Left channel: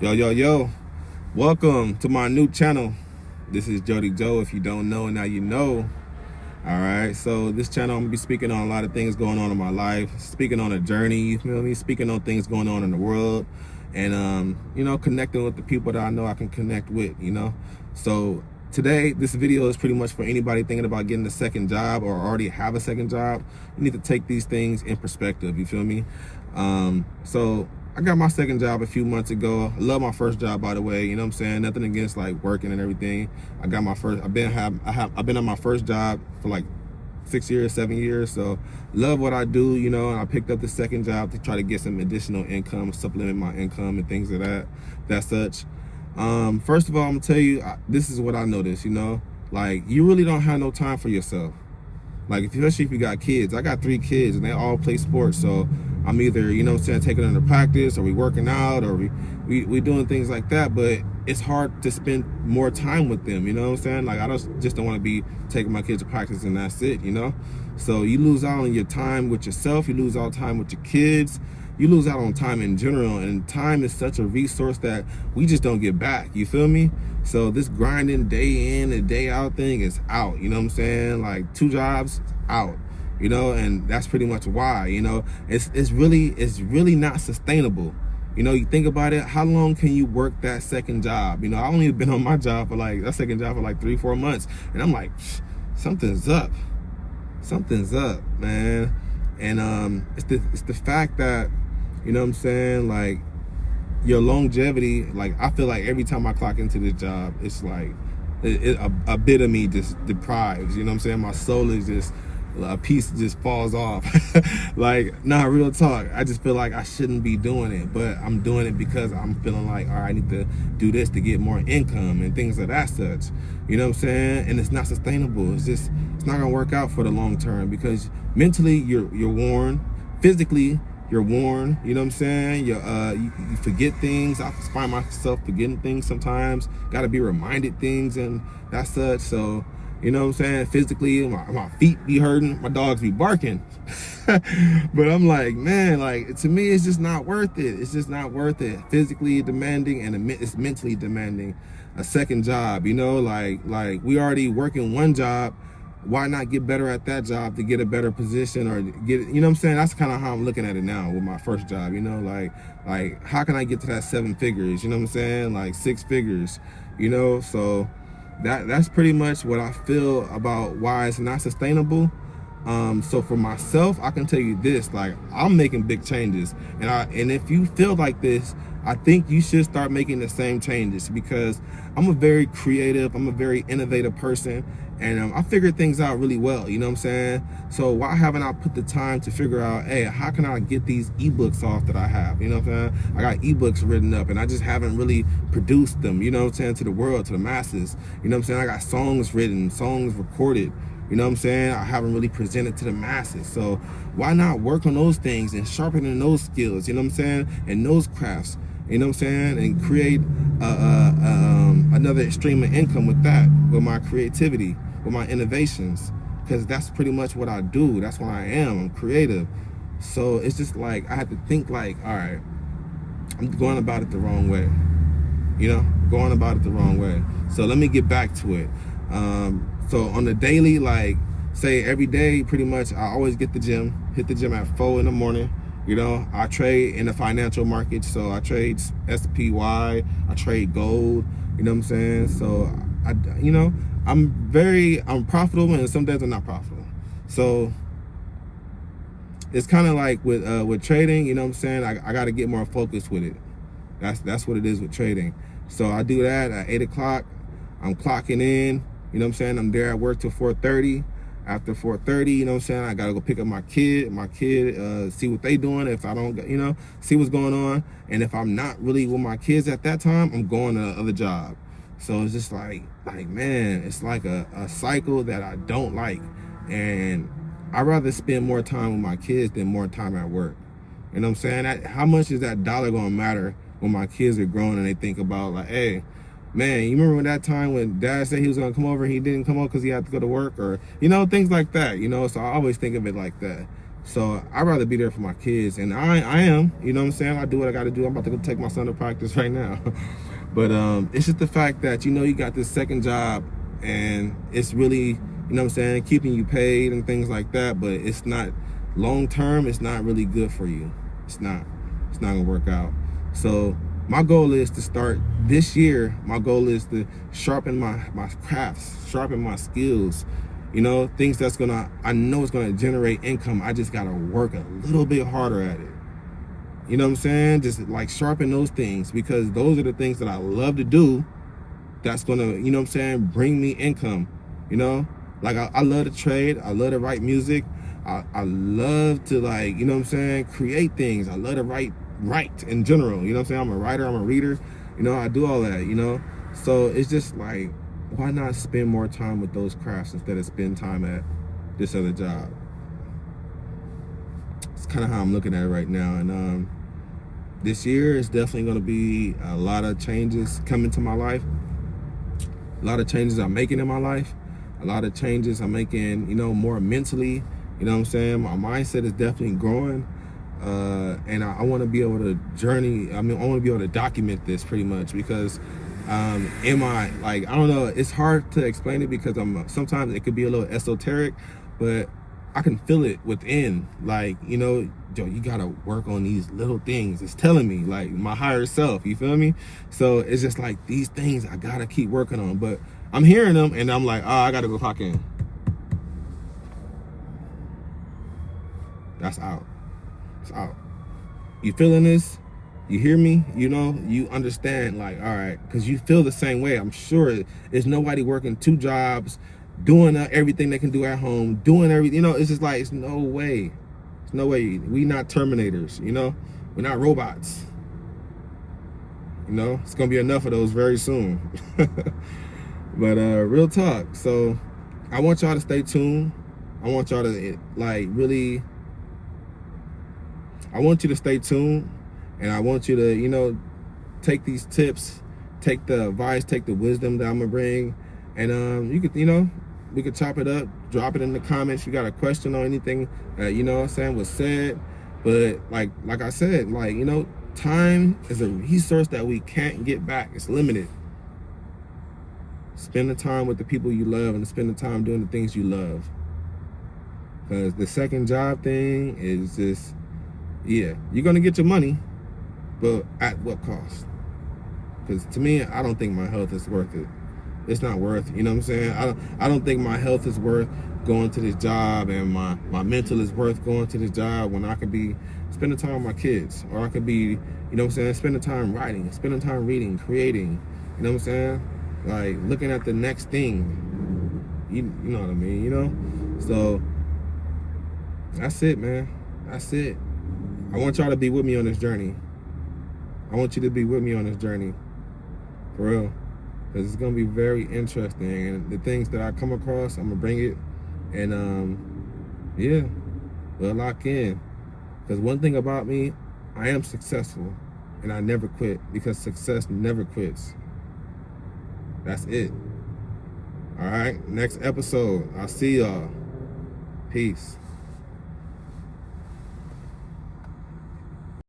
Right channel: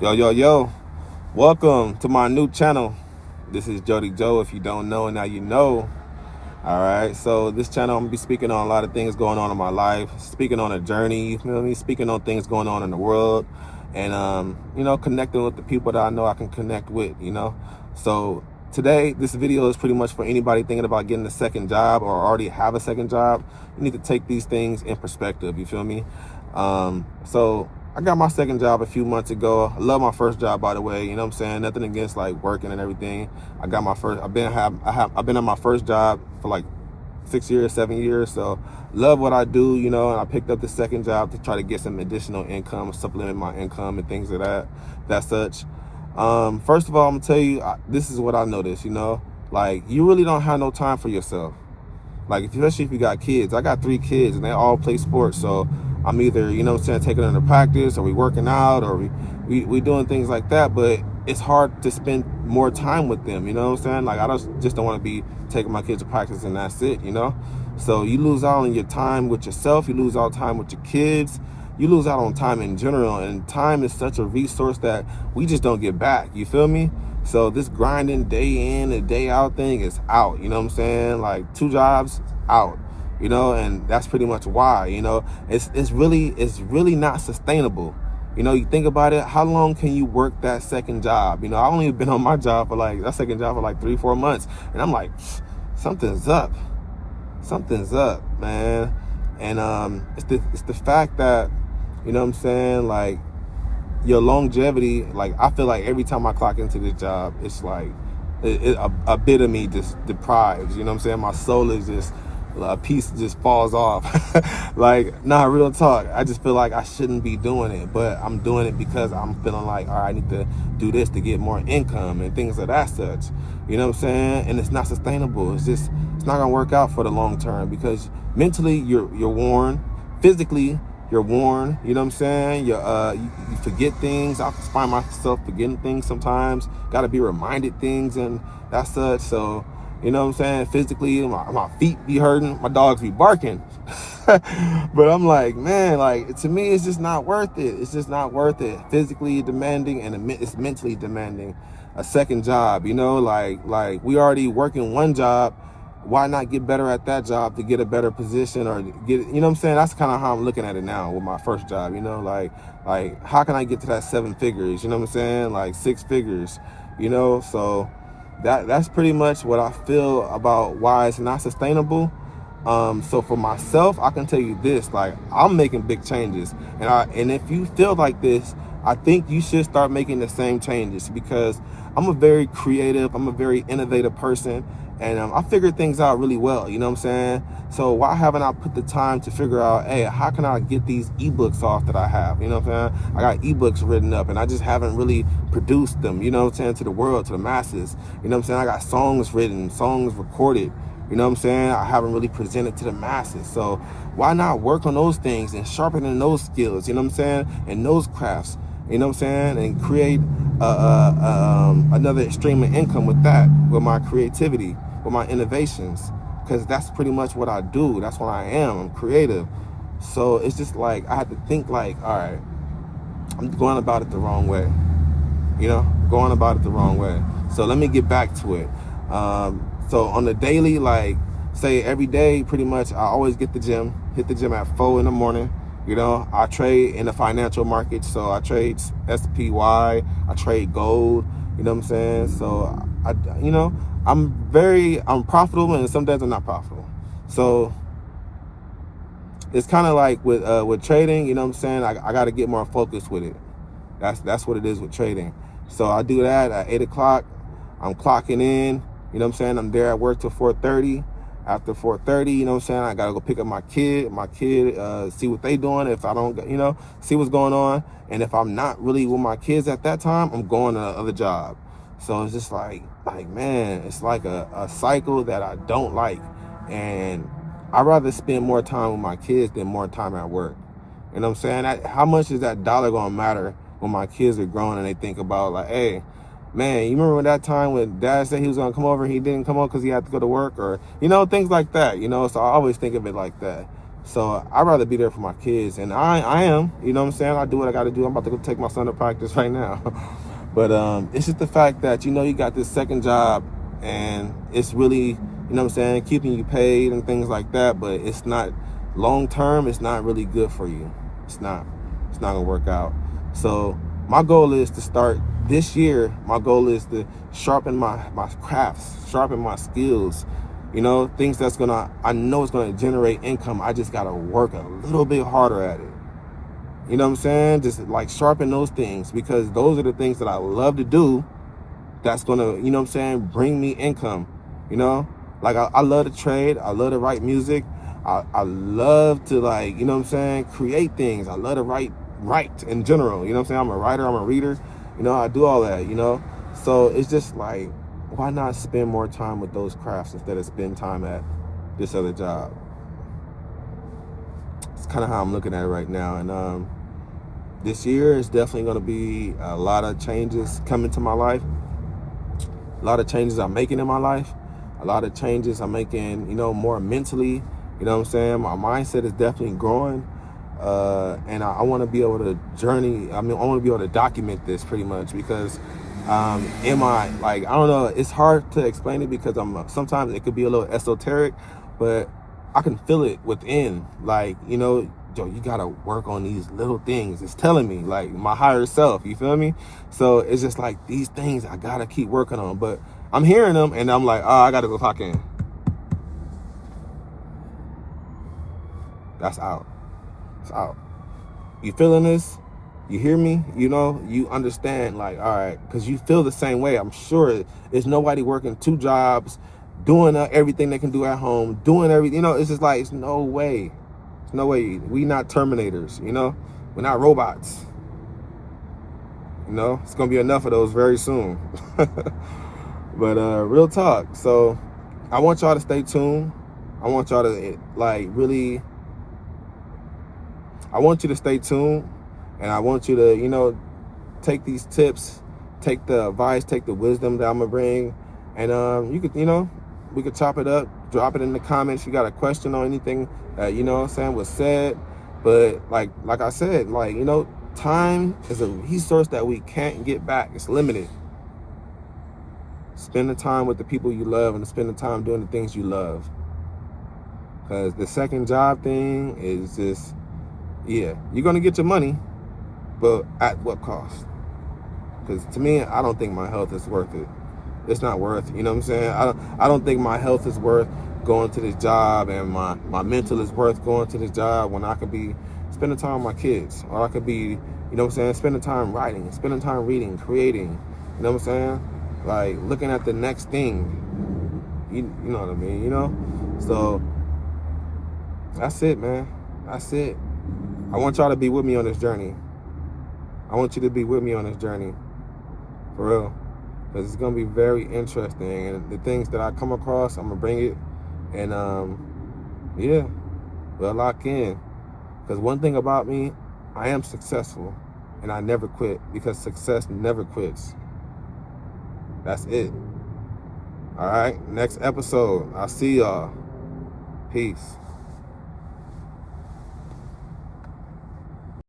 Yo, welcome to my new channel. This is JODY-JOE. If you don't know, now you know. All right, so this channel, I'm gonna be speaking on a lot of things going on in my life, speaking on a journey, you feel me? Speaking on things going on in the world, and connecting with the people that I know I can connect with. So today, this video is pretty much for anybody thinking about getting a second job or already have a second job. You need to take these things in perspective, you feel me? So I got my second job a few months ago. I love my first job, by the way. You know what I'm saying? Nothing against like working and everything. I got my first. I've been on my first job for like 6 years, 7 years. So love what I do. And I picked up the second job to try to get some additional income, supplement my income and things of that such. First of all, I'm gonna tell you, this is what I noticed. Like you really don't have no time for yourself. Like, especially if you got kids. I got 3 kids and they all play sports. So I'm either, taking them to practice, or we working out, or we doing things like that. But it's hard to spend more time with them. You know what I'm saying? Like, I just don't want to be taking my kids to practice and that's it, So you lose out on your time with yourself. You lose out on time with your kids. You lose out on time in general. And time is such a resource that we just don't get back. You feel me? So this grinding day in and day out thing is out, you know what I'm saying? Like 2 jobs, out, and that's pretty much why, it's really not sustainable. You think about it, how long can you work that second job? I've only been on my job for that second job for like 3-4 months. And I'm like, something's up, man. And it's the fact that, you know what I'm saying? Like, your longevity, like I feel like every time I clock into this job, it's like a bit of me just deprives, you know what I'm saying? My soul is just, a piece just falls off. Like, nah, real talk, I just feel like I shouldn't be doing it, but I'm doing it because I'm feeling like, all right, I need to do this to get more income and things of that such, you know what I'm saying? And it's not sustainable. It's not gonna work out for the long term, because mentally you're worn, physically you're worn, you know what I'm saying? You forget things. I find myself forgetting things sometimes. Got to be reminded things and that such. So, you know what I'm saying? Physically, my feet be hurting. My dogs be barking. But I'm like, man, like, to me, it's just not worth it. It's just not worth it. Physically demanding, and it's mentally demanding. A second job, like we already working one job. Why not get better at that job to get a better position, or get, you know what I'm saying? That's kind of how I'm looking at it now with my first job, like how can I get to that 7 figures, you know what I'm saying? Like 6 figures, so that's pretty much what I feel about why it's not sustainable. So for myself, I can tell you this, like, I'm making big changes, and if you feel like this, I think you should start making the same changes, because I'm a very creative, I'm a very innovative person, and I figure things out really well, you know what I'm saying? So why haven't I put the time to figure out, hey, how can I get these ebooks off that I have, you know what I'm saying? I got ebooks written up and I just haven't really produced them, you know what I'm saying, to the world, to the masses, you know what I'm saying? I got songs written, songs recorded, you know what I'm saying? I haven't really presented to the masses. So why not work on those things and sharpening those skills, you know what I'm saying? And those crafts, you know what I'm saying? And create another stream of income with that, with my creativity, with my innovations, because that's pretty much what I do. That's what I am. I'm creative. So it's just like, I had to think like, all right, I'm going about it the wrong way, going about it the wrong way. So let me get back to it. So on the daily, like, say every day, pretty much, I always hit the gym at 4 in the morning. I trade in the financial market, so I trade SPY, I trade gold, you know what I'm saying? So I'm profitable, and some days I'm not profitable. So it's kind of like with trading, you know what I'm saying? I got to get more focused with it. That's what it is with trading. So I do that at 8 o'clock. I'm clocking in, you know what I'm saying? I'm there at work till 4:30. After 4:30, you know what I'm saying, I gotta go pick up my kid, see what they doing. If I don't, see what's going on. And if I'm not really with my kids at that time, I'm going to the other job. So it's just like man, it's like a cycle that I don't like. And I'd rather spend more time with my kids than more time at work. You know what I'm saying? How much is that dollar gonna matter when my kids are grown and they think about, like, hey, man, you remember when that time when dad said he was gonna come over and he didn't come over because he had to go to work, or, things like that, So I always think of it like that. So I'd rather be there for my kids, and I am, you know what I'm saying? I do what I got to do. I'm about to go take my son to practice right now. But it's just the fact that, you got this second job, and it's really, you know what I'm saying, keeping you paid and things like that, but it's not long term. It's not really good for you. It's not gonna work out. So my goal is to start this year. My goal is to sharpen my crafts, sharpen my skills, things I know it's gonna generate income. I just gotta work a little bit harder at it. You know what I'm saying? Just like sharpen those things, because those are the things that I love to do. That's gonna, bring me income. Like I love to trade. I love to write music. I love to, like, create things. I love to write in general. I'm a writer, I'm a reader. I do all that, So it's just like, why not spend more time with those crafts instead of spend time at this other job? It's kind of how I'm looking at it right now. And this year is definitely going to be a lot of changes coming to my life. A lot of changes I'm making in my life. A lot of changes I'm making, more mentally. You know what I'm saying? My mindset is definitely growing. And I want to be able to journey. I want to be able to document this pretty much, because I don't know, it's hard to explain it, because sometimes it could be a little esoteric, but I can feel it within. Like, Joe, you gotta work on these little things. It's telling me, like, my higher self, you feel me? So it's just like, these things I gotta keep working on, but I'm hearing them and I'm like, oh, I gotta go clock in. That's out. It's out. You feeling this? You hear me? You understand, like, all right, because you feel the same way. I'm sure there's nobody working 2 jobs, doing everything they can do at home, doing everything. It's just like, it's no way. It's no way. We not Terminators, We're not robots. It's going to be enough of those very soon. But real talk. So I want y'all to stay tuned. I want y'all to, like, really, I want you to stay tuned. And I want you to, take these tips, take the advice, take the wisdom that I'm going to bring. And you could, we could chop it up, drop it in the comments. If you got a question or anything that, was said. But like I said, like, time is a resource that we can't get back. It's limited. Spend the time with the people you love, and spend the time doing the things you love. Because the second job thing is just, yeah, you're going to get your money, but at what cost? Because to me, I don't think my health is worth it. It's not worth, you know what I'm saying? I don't think my health is worth going to this job, and my mental is worth going to this job, when I could be spending time with my kids, or I could be, spending time writing, spending time reading, creating, you know what I'm saying? Like, looking at the next thing, you know what I mean, So that's it, man. That's it. I want y'all to be with me on this journey. I want you to be with me on this journey, for real. Because it's going to be very interesting. And the things that I come across, I'm going to bring it. And, yeah, we'll lock in. Because one thing about me, I am successful. And I never quit. Because success never quits. That's it. All right? Next episode. I'll see y'all. Peace.